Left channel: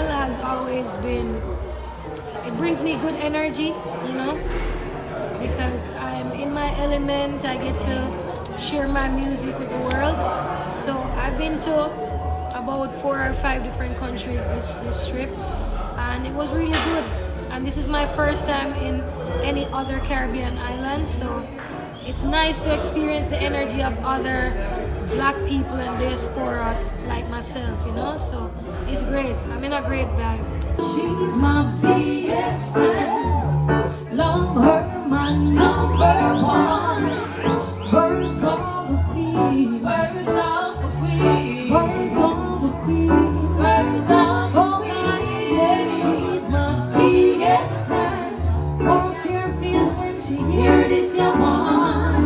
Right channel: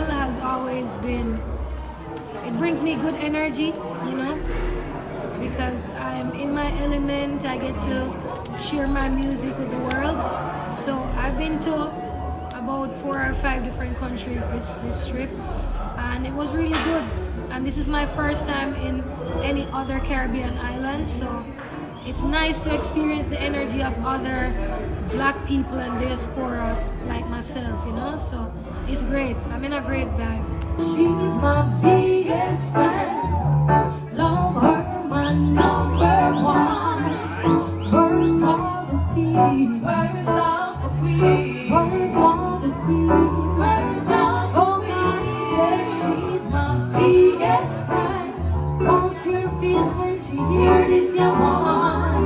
travel has always been, it brings me good energy, you know, because I'm in my element. I get to share my music with the world. So I've been to about 4 or 5 different countries this trip, and it was really good. And this is my first time in any other Caribbean island, so it's nice to experience the energy of other black people and diaspora like myself, you know, so it's great. I'm in a great vibe. She's my biggest fan, love her, my number one. Birds of the queen, birds of the queen, birds of the queen, birds of the queen. Yeah, she's my biggest fan. Bounce your face when she hear this, yeah, man.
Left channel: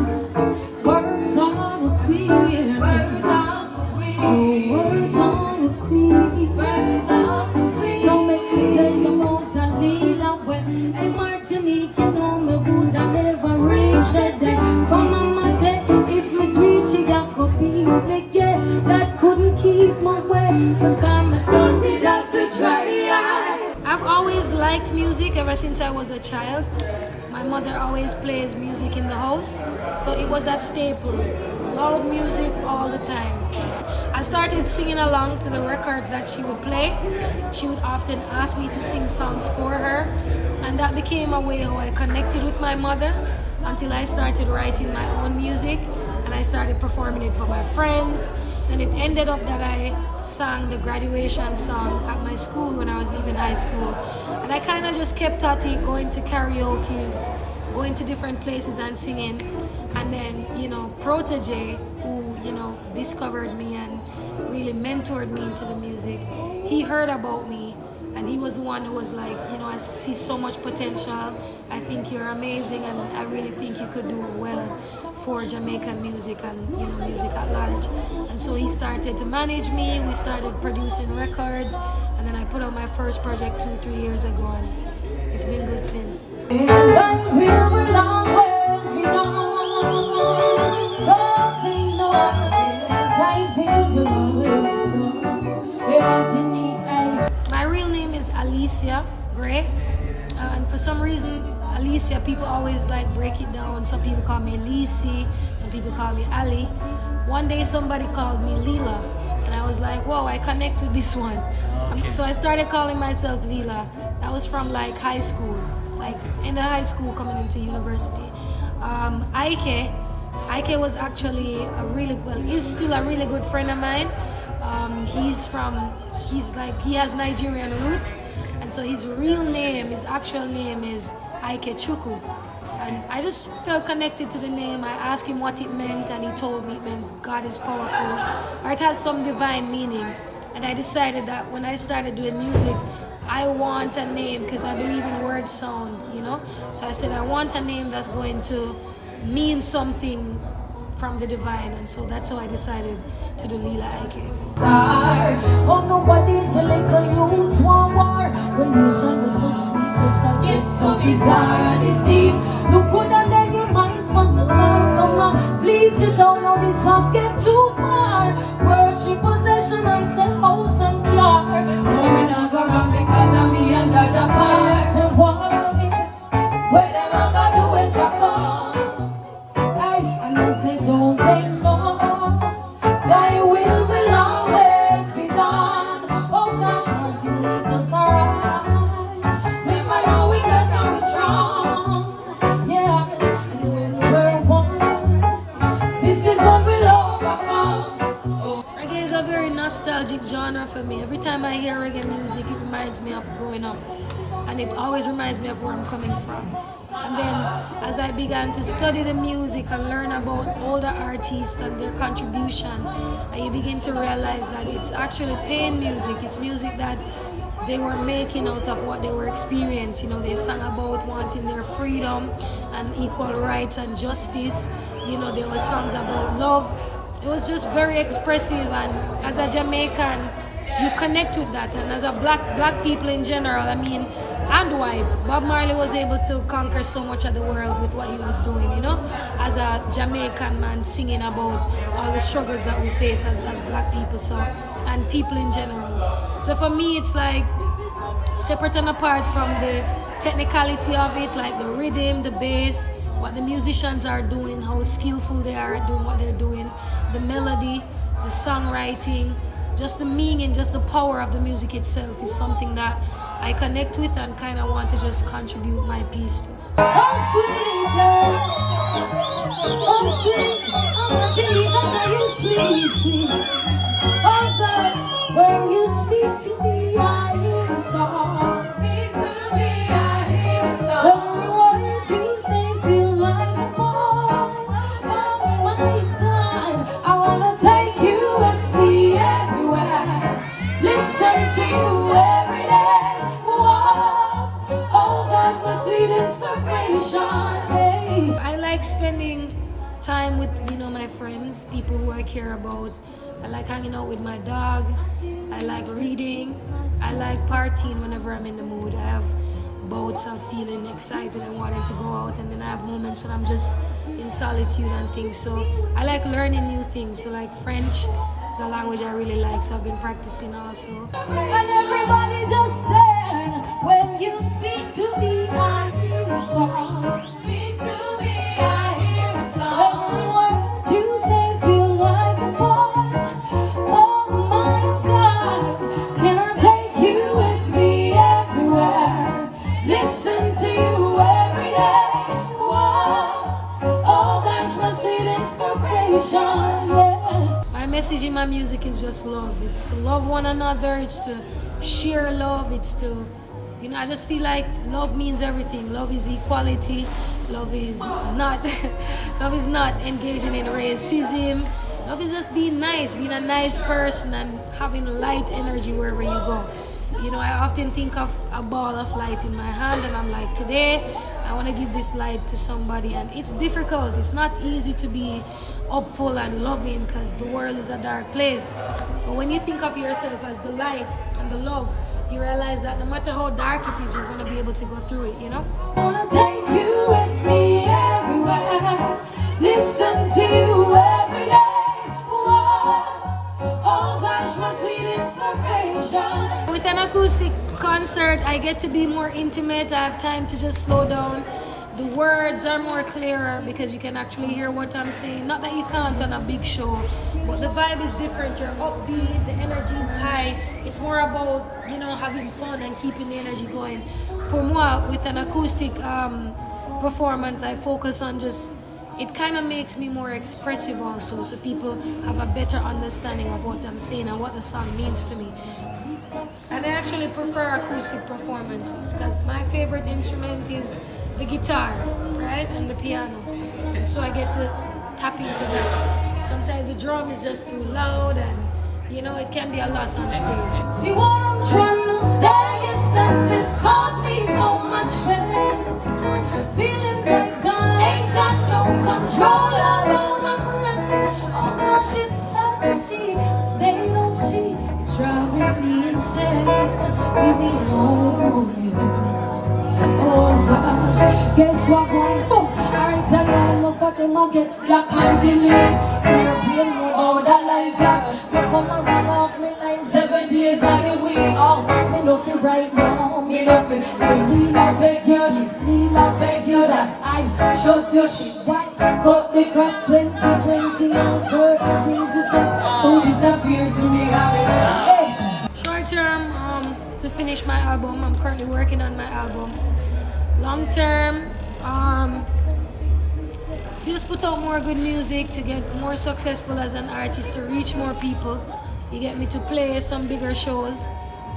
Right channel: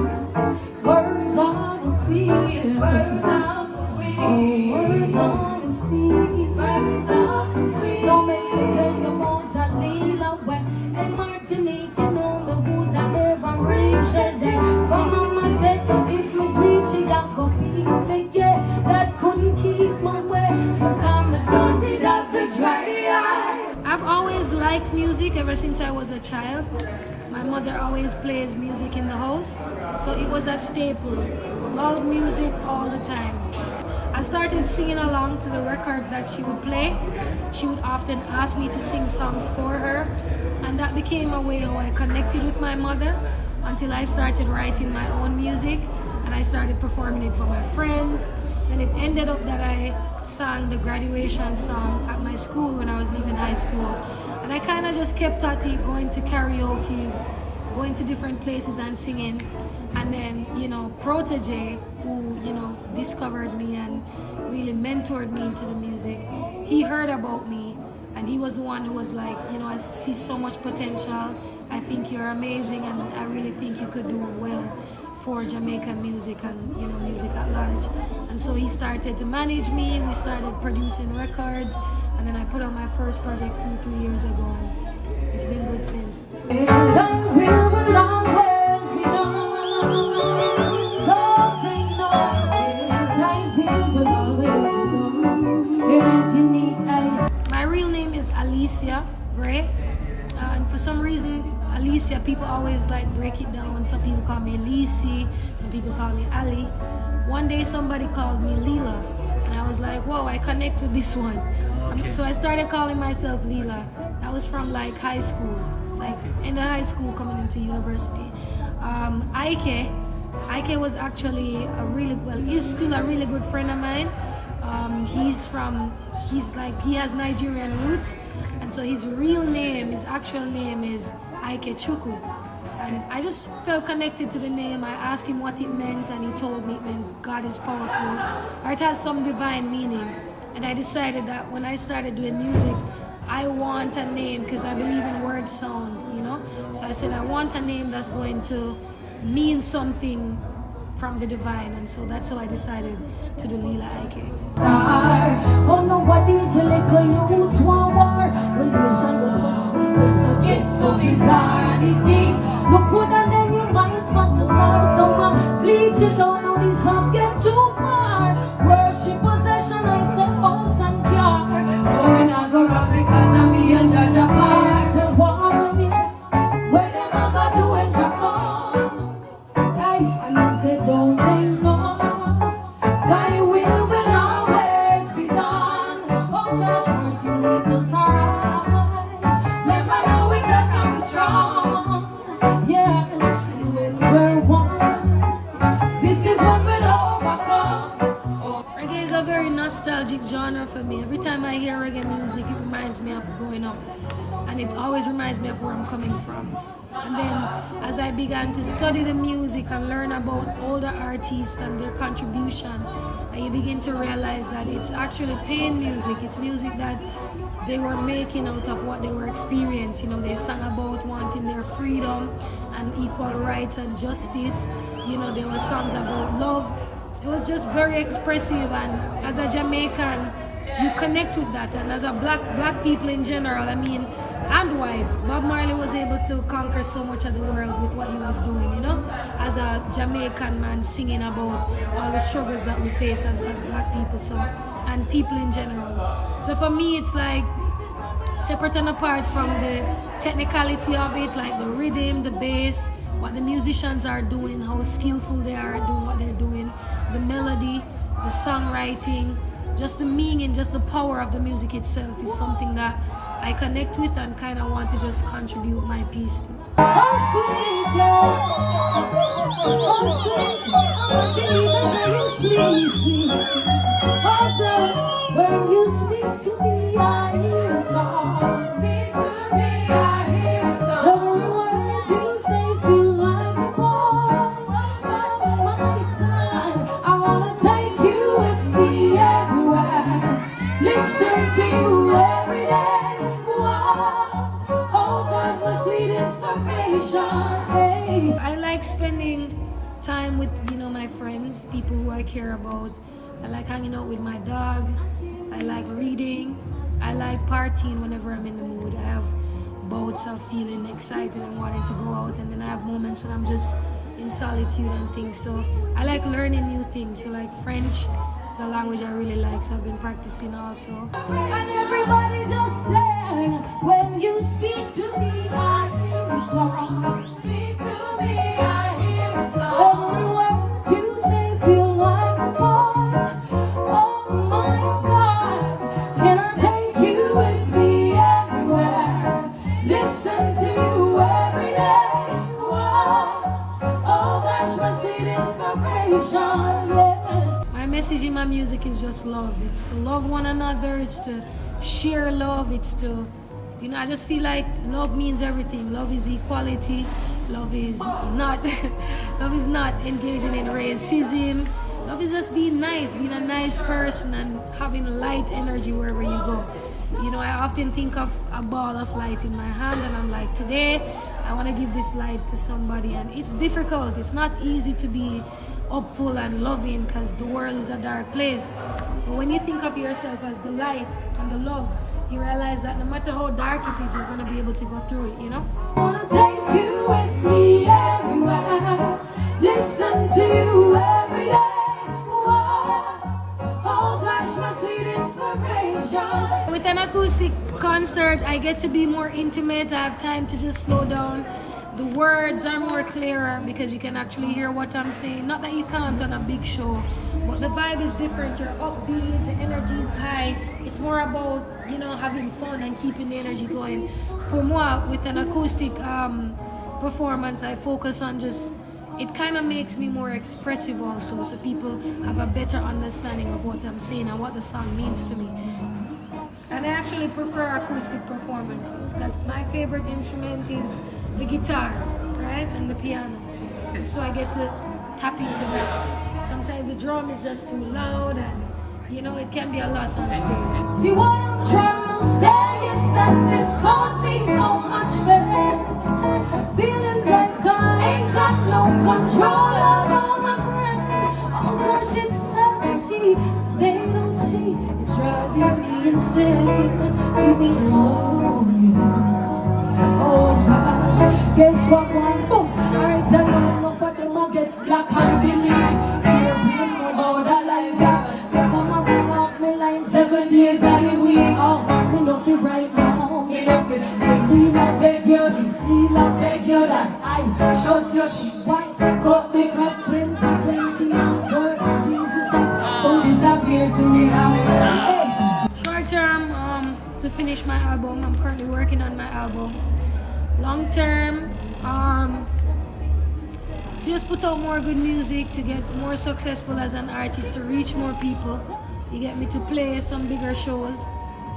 Birds of the queen, birds of the queen, birds of the queen, birds of the queen. Now make me tell you about a Lila Iké and Martinique. You know me would I never reach that day. From mama said if me reach it, I could be big, yeah. That couldn't keep me away, but I'm done it up the try. I've always liked music ever since I was a child. My mother always plays music in the house, so it was a staple. Loud music all the time. I started singing along to the records that she would play. She would often ask me to sing songs for her, and that became a way how I connected with my mother until I started writing my own music and I started performing it for my friends. Then it ended up that I sang the graduation song at my school when I was leaving high school. And I kind of just kept at it, going to karaoke's, going to different places and singing. And then, you know, Protege, who, you know, discovered me and really mentored me into the music, he heard about me and he was the one who was like, you know, I see so much potential. I think you're amazing and I really think you could do well for Jamaican music and, you know, music at large. And so he started to manage me, we started producing records, and then I put out my first project 2-3 years ago, and it's been good since. My real name is Alicia Gray, and for some reason Alicia, people always like break it down. Some people call me Lisi, some people call me Ali. One day somebody called me Lila, and I was like, whoa, I connect with this one. So I started calling myself Lila. That was from like high school, like in the high school coming into university. Iké was actually a really, well, he's still a really good friend of mine. He has Nigerian roots, and so his real name, his actual name is Iké Chuku. And I just felt connected to the name. I asked him what it meant, and he told me it means God is powerful, or it has some divine meaning. And I decided that when I started doing music, I want a name, because I believe in word sound, you know? So I said, I want a name that's going to mean something from the divine, and so that's how I decided to do Lila Iké. Oh, nobody's the little youths want war. Relation was so sweet, just a gift so bizarre. Anything look good and then your mind's want to start someone. Bleach you don't know this song get too far. Worship possession, I say house and car. No, we not go run because I'm me and judge a pass and worry. Where them I gonna do when you come? And I say don't think no. Thy will always be done. Oh gosh, Martinique just arise. Remember knowing that I'm strong. Yes, and when we're one, this is what we'll overcome. Reggae is a very nostalgic genre for me. Every time I hear reggae music, it reminds me of growing up, and it always reminds me of where I'm coming from. And then as I began to study the music and learn about older artists and their contribution, you begin to realize that it's actually pain music. It's music that they were making out of what they were experiencing. You know, they sang about wanting their freedom and equal rights and justice. You know, there were songs about love. It was just very expressive, and as a Jamaican, you connect with that. And as a black people in general, I mean, and white, Bob Marley was able to conquer so much of the world with what he was doing, you know, as a Jamaican man singing about all the struggles that we face as black people, so, and people in general. So for me, it's like separate and apart from the technicality of it, like the rhythm, the bass, what the musicians are doing, how skillful they are at doing what they're doing, the melody, the songwriting, just the meaning, just the power of the music itself is something that I connect with and kind of want to just contribute my piece to. When you speak to me, I hear a song. Speak to me, I hear a song. Every word you say feels like a poem. My God, I wanna take you with me everywhere. Listen to you every day. Wow. Oh, that's my sweet inspiration. Hey. I like spending time with, my friends, people who I care about. I like hanging out with my dog. I like reading. I like partying whenever I'm in the mood. I have bouts of feeling excited and wanting to go out, and then I have moments when I'm just in solitude and things. So I like learning new things. So like French is a language I really like, so I've been practicing also. And everybody just said, when you speak to me, I hear a song. Speak to me, I hear a song. Every word you say feels like a poem. Oh my God, can I take you with me everywhere? Listen to you every day. Wow, oh that's my sweet inspiration. Yes. My message in my music is just love. It's to love one another. It's to share love. It's to, I just feel like love means everything. Love is equality. Love is not, love is not engaging in racism. Love is just being nice, being a nice person and having light energy wherever you go. I often think of a ball of light in my hand and I'm like, today I want to give this light to somebody, and it's difficult. It's not easy to be hopeful and loving because the world is a dark place. But when you think of yourself as the light and the love, you realize that no matter how dark it is, you're going to be able to go through it, I wanna take you with me everywhere. Listen to you every day. Oh gosh, my sweet inspiration. With an acoustic concert, I get to be more intimate. I have time to just slow down. The words are more clearer because you can actually hear what I'm saying. Not that you can't on a big show, but the vibe is different. You're upbeat, the energy is high. It's more about, having fun and keeping the energy going. For moi, with an acoustic performance, I focus on it kind of makes me more expressive also, so people have a better understanding of what I'm saying and what the song means to me. And I actually prefer acoustic performances because my favorite instrument is the guitar, right, and the piano. And so I get to tap into that. Sometimes the drum is just too loud and, it can be a lot on stage. See what I'm trying to say is that this caused me so much pain. Feeling like I ain't got no control over my brain. Oh gosh, it's sad to see. They don't see. It's driving me insane. Leave me alone, yes. Oh gosh, guess what? Alright, I don't know what them I get. You can't believe. All that life, yeah. Come up off me like 7 days like a week. Oh, me love you right now. Me love you. Baby, I beg you this. I beg you that. I shut your shit white. Cut the crap 2020 now. Certain things you say so disappear to me. Hey. Short term, to finish my album. I'm currently working on my album. Long term, to just put out more good music, to get more successful as an artist, to reach more people. You get me, to play some bigger shows.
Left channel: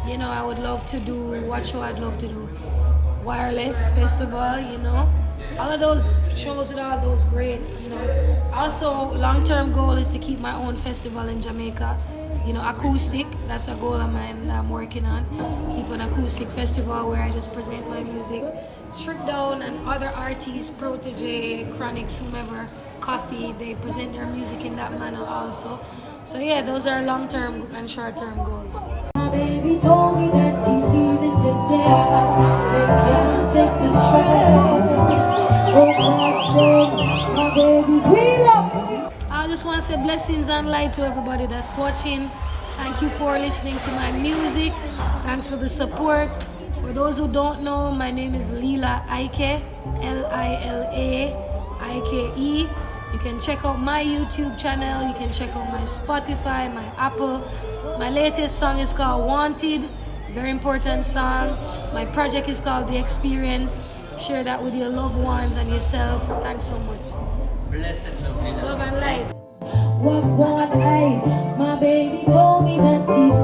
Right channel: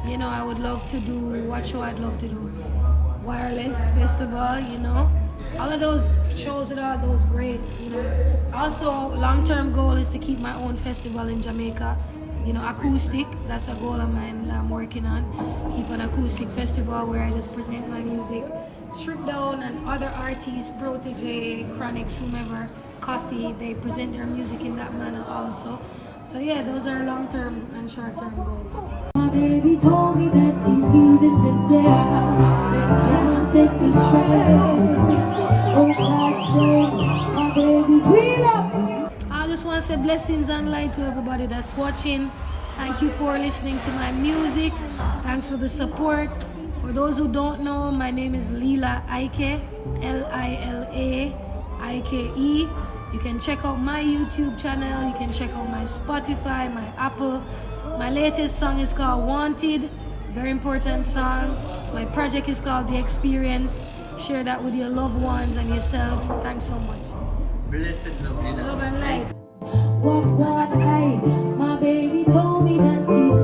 I would love to do, what show I'd love to do? Wireless Festival, all of those shows with all those great, Also, long-term goal is to keep my own festival in Jamaica. Acoustic, that's a goal of mine that I'm working on. Keep an acoustic festival where I just present my music. Strip Down and other artists, Protege, Chronics, whomever, Coffee, they present their music in that manner also. So yeah, those are long-term and short-term goals. My baby told me that he's leaving today. Said, can I take the stress? Oh, last day, my baby, we love. I just want to say blessings and light to everybody that's watching. Thank you for listening to my music. Thanks for the support. For those who don't know, my name is Lila Iké, Lila-Ike. You can check out my YouTube channel, you can check out my Spotify, my Apple. My latest song is called Wanted, very important song. My project is called The Experience. Share that with your loved ones and yourself. Thanks so much. Blessed love, Lila. Love and light. Walk one eye, my baby told me that he's